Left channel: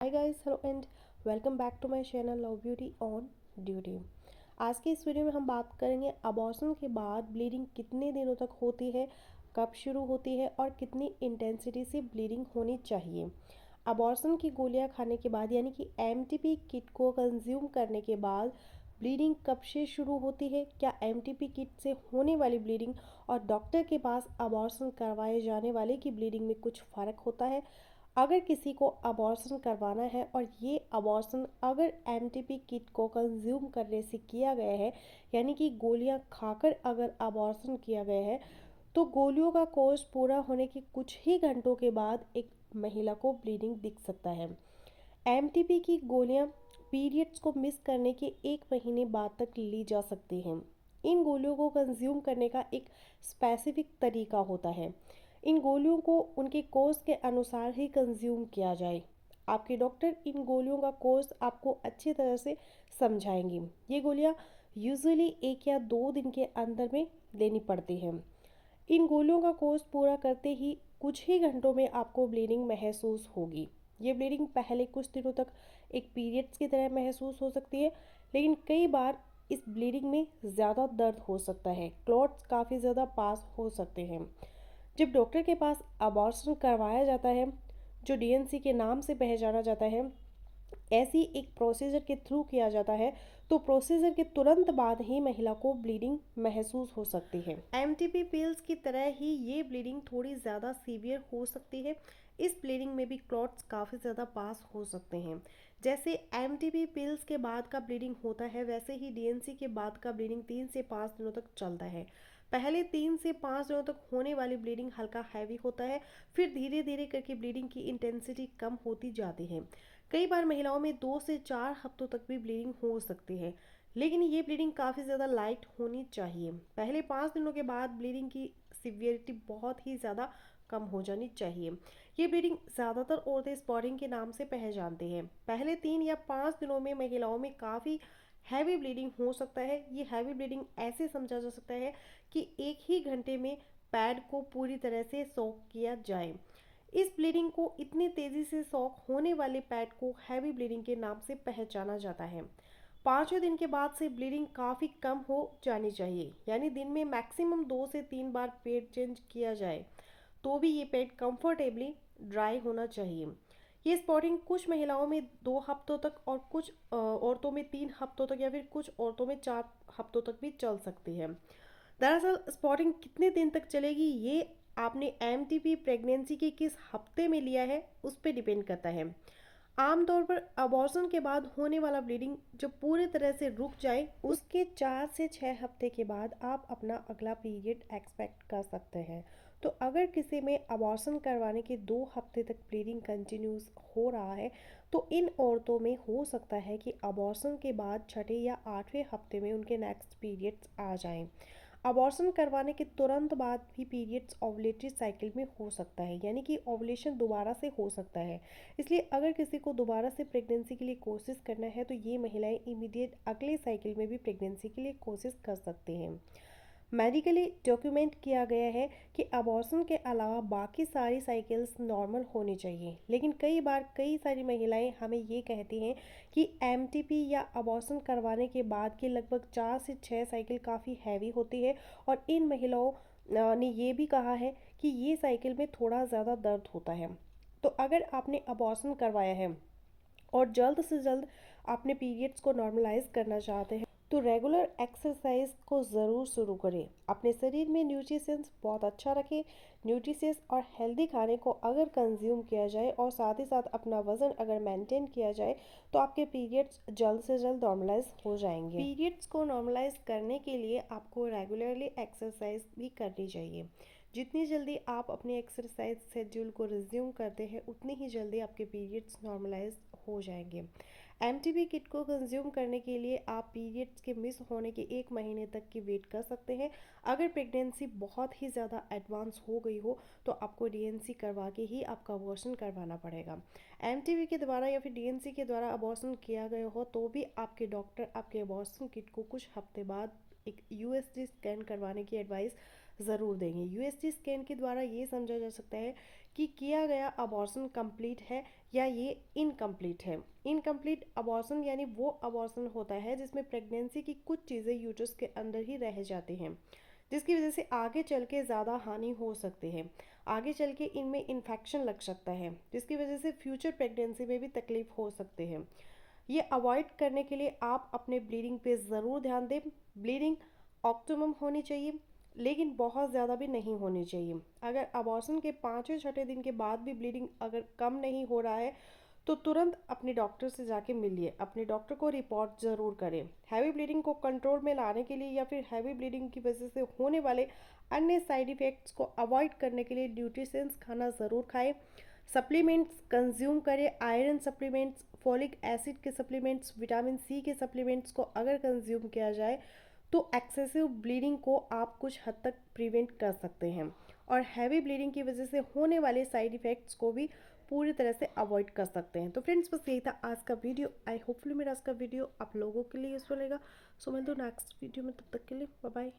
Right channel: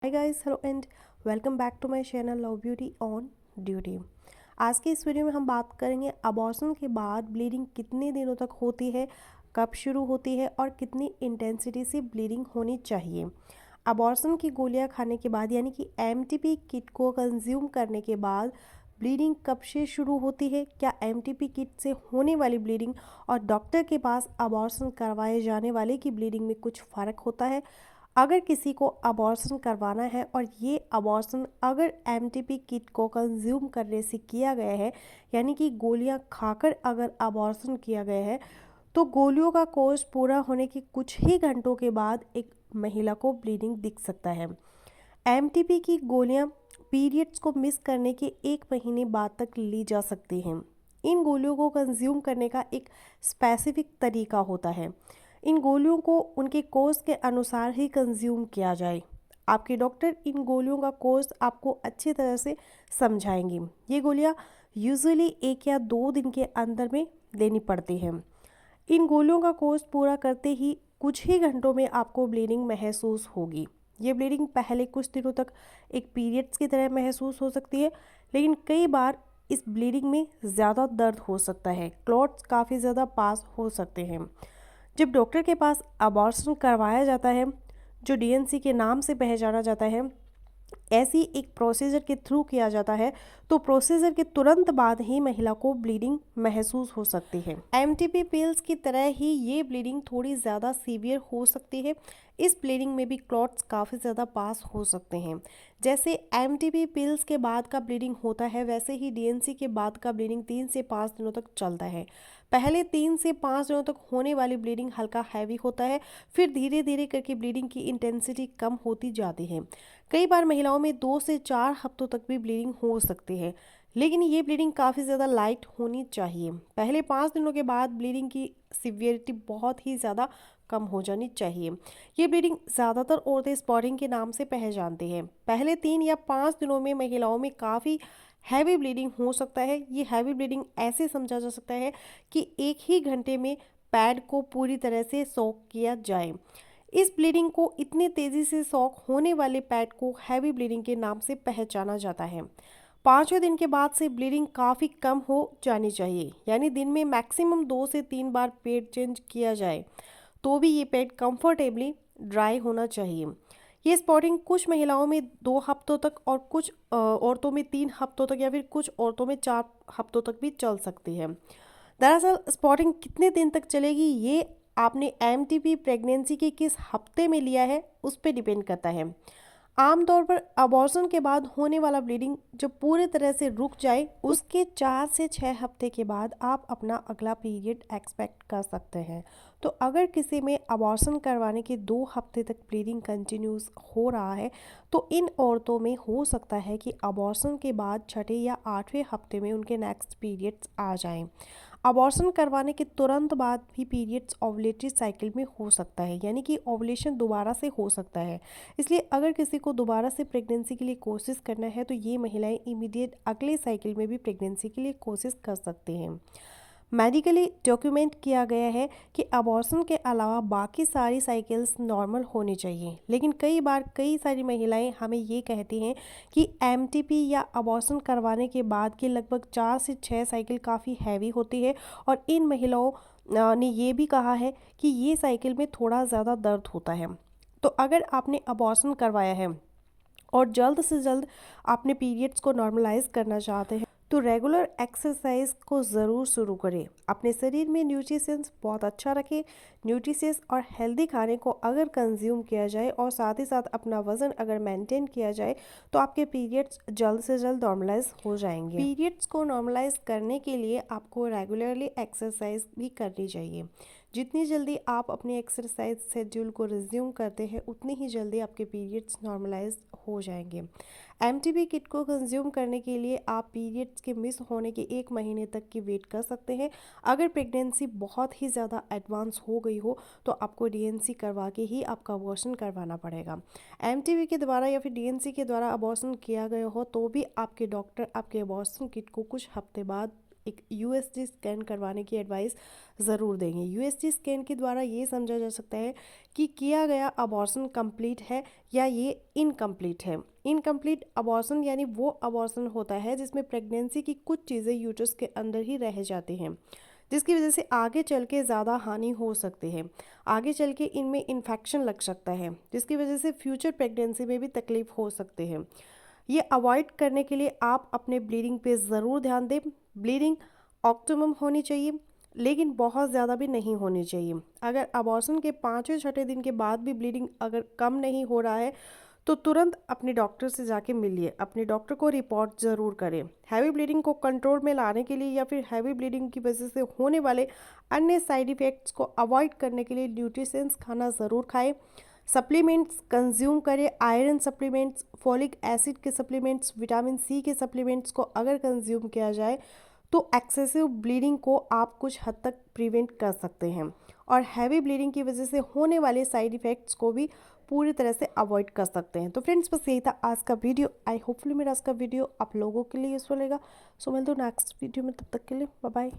Hi guys, hello and welcome back to my channel love beauty on duty. आज की इस video में हम बात करेंगे अबॉर्शन के बाद ब्लीडिंग कितने दिनों तक होती है, कब शुरू होती है और कितनी इंटेंसिटी से ब्लीडिंग होनी चाहिए। अबॉर्शन की गोलियां खाने के बाद यानी कि एमटीपी किट को कंज्यूम करने के बाद ब्लीडिंग कब से शुरू होती है, क्या एमटीपी किट से होने वाली ब्लीडिंग और डॉक्टर के पास अबॉर्शन करवाए जाने वाले की ब्लीडिंग में कुछ फ़र्क होता है। अगर किसी को अबॉर्शन करवाना है और ये अबॉर्शन अगर एमटीपी किट को कंज्यूम करने से किया गया है यानी कि गोलियां खाकर अगर अबॉर्शन किया गया है तो गोलियों का कोर्स पूरा होने के कुछ ही घंटों के बाद एक महिला को ब्लीडिंग दिख सकता है। एमटीपी की गोलियां पीरियड्स को मिस करने के 1 महीने बाद तक ली जा सकती हैं। इन गोलियों को कंज्यूम करने का एक स्पेसिफिक तरीका होता है। इन गोलियों को उनके कोर्स के अनुसार ही कंज्यूम किया जाए। आपके डॉक्टर इन गोलियों का कोर्स आपको अच्छी तरह से समझाएंगी। ये गोलियां यूजुअली 1 या 2 दिन के अंदर में लेनी पड़ती हैं। इन गोलियों का कोर्स पूरा करते ही कुछ ही घंटों में आपको ब्लीडिंग महसूस होगी। ये ब्लीडिंग पहले कुछ दिनों तक एक पीरियड्स की तरह महसूस हो सकती है, लेकिन कई बार इस ब्लीडिंग में ज़्यादा दर्द हो सकता है, क्लॉट्स काफ़ी ज़्यादा पास हो सकते हैं। जब डॉक्टर के पास अबॉर्शन करवाया जाता है, जो डीएनसी के नाम से पहचाना जाता है, ऐसी एक प्रोसीजर के थ्रू किया जाता है, तो प्रोसीजर के तुरंत बाद ही महिला को ब्लीडिंग महसूस हो सकती है। एमटीपी पिल्स की तरह ही ये ब्लीडिंग थोड़ी ज़्यादा सीवियर हो सकती है। इस ब्लीडिंग में भी क्लॉट्स काफ़ी ज़्यादा पास हो सकते हैं। जैसे एमटीपी पिल्स के बाद का ब्लीडिंग होता है, वैसे ही डीएनसी के बाद का ब्लीडिंग 3 से 5 दिनों तक चलता है। पहले 3 से 5 दिनों तक होने वाली ब्लीडिंग हल्का हैवी होता है, फिर धीरे धीरे करके ब्लीडिंग की इंटेंसिटी कम होती जाती है। कई बार महिलाओं में 2 से 4 हफ्तों तक भी ब्लीडिंग हो सकती है, लेकिन ये ब्लीडिंग काफ़ी ज़्यादा लाइट होनी चाहिए। पहले 5 दिनों के बाद ब्लीडिंग की सिवियरिटी बहुत ही ज़्यादा कम हो जानी चाहिए। ये ब्लीडिंग ज़्यादातर औरतें स्पॉटिंग के नाम से पहचानती हैं। पहले 3 या 5 दिनों में महिलाओं में काफ़ी हैवी ब्लीडिंग हो सकता है। ये हैवी ब्लीडिंग ऐसे समझा जा सकता है कि 1 ही घंटे में पैड को पूरी तरह से सोक किया जाए। इस ब्लीडिंग को इतनी तेज़ी से सोक होने वाले पैड को हैवी ब्लीडिंग के नाम से पहचाना जाता है। 5वें दिन के बाद से ब्लीडिंग काफ़ी कम हो जानी चाहिए, यानी दिन में मैक्सिमम 2 से 3 बार पैड चेंज किया जाए, तो भी ये पैड कंफर्टेबली ड्राई होना चाहिए। ये स्पॉटिंग कुछ महिलाओं में 2 हफ्तों तक और कुछ औरतों में 3 हफ्तों तक या फिर कुछ औरतों में 4 हफ्तों तक भी चल सकती है। दरअसल स्पॉटिंग कितने दिन तक चलेगी ये आपने एमटीपी प्रेगनेंसी के किस हफ्ते में लिया है उस पर डिपेंड करता है। आमतौर पर अबॉर्शन के बाद होने वाला ब्लीडिंग जब पूरी तरह से रुक जाए उसके 4 से 6 हफ्ते के बाद आप अपना अगला पीरियड एक्सपेक्ट कर सकते हैं। तो अगर किसी में अबॉर्शन करवाने के 2 हफ्ते तक ब्लीडिंग कंटिन्यूस हो रहा है तो इन औरतों में हो सकता है कि अबॉर्शन के बाद 6 या 8वें हफ्ते में उनके नेक्स्ट पीरियड्स आ जाएं। अबॉर्शन करवाने के तुरंत बाद भी पीरियड्स ओवुलेटरी साइकिल में हो सकता है, यानी कि ओवुलेशन दोबारा से हो सकता है। इसलिए अगर किसी को दोबारा से प्रेगनेंसी के लिए कोशिश करना है तो ये महिलाएं इमीडिएट अगले साइकिल में भी प्रेगनेंसी के लिए कोशिश कर सकती हैं। मेडिकली डॉक्यूमेंट किया गया है कि अबॉर्शन के अलावा बाकी सारी साइकिल्स नॉर्मल होनी चाहिए, लेकिन कई बार कई सारी महिलाएं हमें ये कहती हैं कि एमटीपी या अबॉर्शन करवाने के बाद की लगभग 4 से 6 साइकिल काफ़ी हैवी होती है और इन महिलाओं ने ये भी कहा है कि ये साइकिल में थोड़ा ज़्यादा दर्द होता है। तो अगर आपने अबॉर्शन करवाया है और जल्द से जल्द आपने पीरियड्स को नॉर्मलाइज करना चाहते हैं तो रेगुलर एक्सरसाइज को ज़रूर शुरू करें। अपने शरीर में न्यूट्रिशंस बहुत अच्छा रखें। न्यूट्रिशियस और हेल्दी खाने को अगर कंज्यूम किया जाए और साथ ही साथ अपना वज़न अगर मेंटेन किया जाए तो आपके पीरियड्स जल्द से जल्द नॉर्मलाइज हो जाएंगे। पीरियड्स को नॉर्मलाइज करने के लिए आपको रेगुलरली एक्सरसाइज भी करनी चाहिए। जितनी जल्दी आप अपने एक्सरसाइज शेड्यूल को रिज्यूम करते हैं उतनी ही जल्दी आपके पीरियड्स नॉर्मलाइज हो जाएंगे। एमटीपी किट को कंज्यूम करने के लिए आप पीरियड्स के मिस होने के 1 महीने तक की वेट कर सकते हैं। अगर प्रेगनेंसी बहुत ही ज़्यादा एडवांस हो गई हो तो आपको डीएनसी करवा के ही आपका अबॉर्शन करवाना पड़ेगा। एमटीपी के द्वारा या फिर डीएनसी के द्वारा अबॉर्शन किया गया हो तो भी आपके डॉक्टर आपके अबॉर्शन किट को कुछ हफ्ते बाद एक यूएसजी स्कैन करवाने की एडवाइस ज़रूर देंगे। यूएसजी स्कैन के द्वारा ये समझा जा सकता है कि किया गया अबॉर्शन कंप्लीट है या ये इनकम्प्लीट है। इनकम्प्लीट अबॉर्शन यानी वो अबॉर्शन होता है जिसमें प्रेगनेंसी की कुछ चीज़ें यूट्रस के अंदर ही रह जाती हैं, जिसकी वजह से आगे चल के ज़्यादा हानि हो सकती है। आगे चल के इनमें इन्फेक्शन लग सकता है, जिसकी वजह से फ्यूचर प्रेगनेंसी में भी तकलीफ हो सकती है। ये अवॉइड करने के लिए आप अपने ब्लीडिंग पे ज़रूर ध्यान दें। ब्लीडिंग ऑप्टिमम होनी चाहिए, लेकिन बहुत ज़्यादा भी नहीं होनी चाहिए। अगर अबॉर्शन के 5वें 6ठे दिन के बाद भी ब्लीडिंग अगर कम नहीं हो रहा है तो तुरंत अपने डॉक्टर से जाके मिलिए, अपने डॉक्टर को रिपोर्ट ज़रूर करें। हैवी ब्लीडिंग को कंट्रोल में लाने के लिए या फिर हैवी ब्लीडिंग की वजह से होने वाले अन्य साइड इफ़ेक्ट्स को अवॉइड करने के लिए न्यूट्रिशंस खाना ज़रूर खाएं। सप्लीमेंट्स कंज्यूम करें, आयरन सप्लीमेंट्स, फॉलिक एसिड के सप्लीमेंट्स, विटामिन सी के सप्लीमेंट्स को अगर कंज्यूम किया जाए तो एक्सेसिव ब्लीडिंग को आप कुछ हद तक प्रिवेंट कर सकते हैं और हैवी ब्लीडिंग की वजह से होने वाले साइड इफ़ेक्ट्स को भी पूरी तरह से अवॉइड कर सकते हैं। तो फ्रेंड्स बस यही था आज का वीडियो। आई होपफुली मेरा आज का वीडियो आप लोगों के लिए यूज़फुल रहेगा। सो मिलते हैं नेक्स्ट वीडियो में, तब तक के लिए बाय बाय।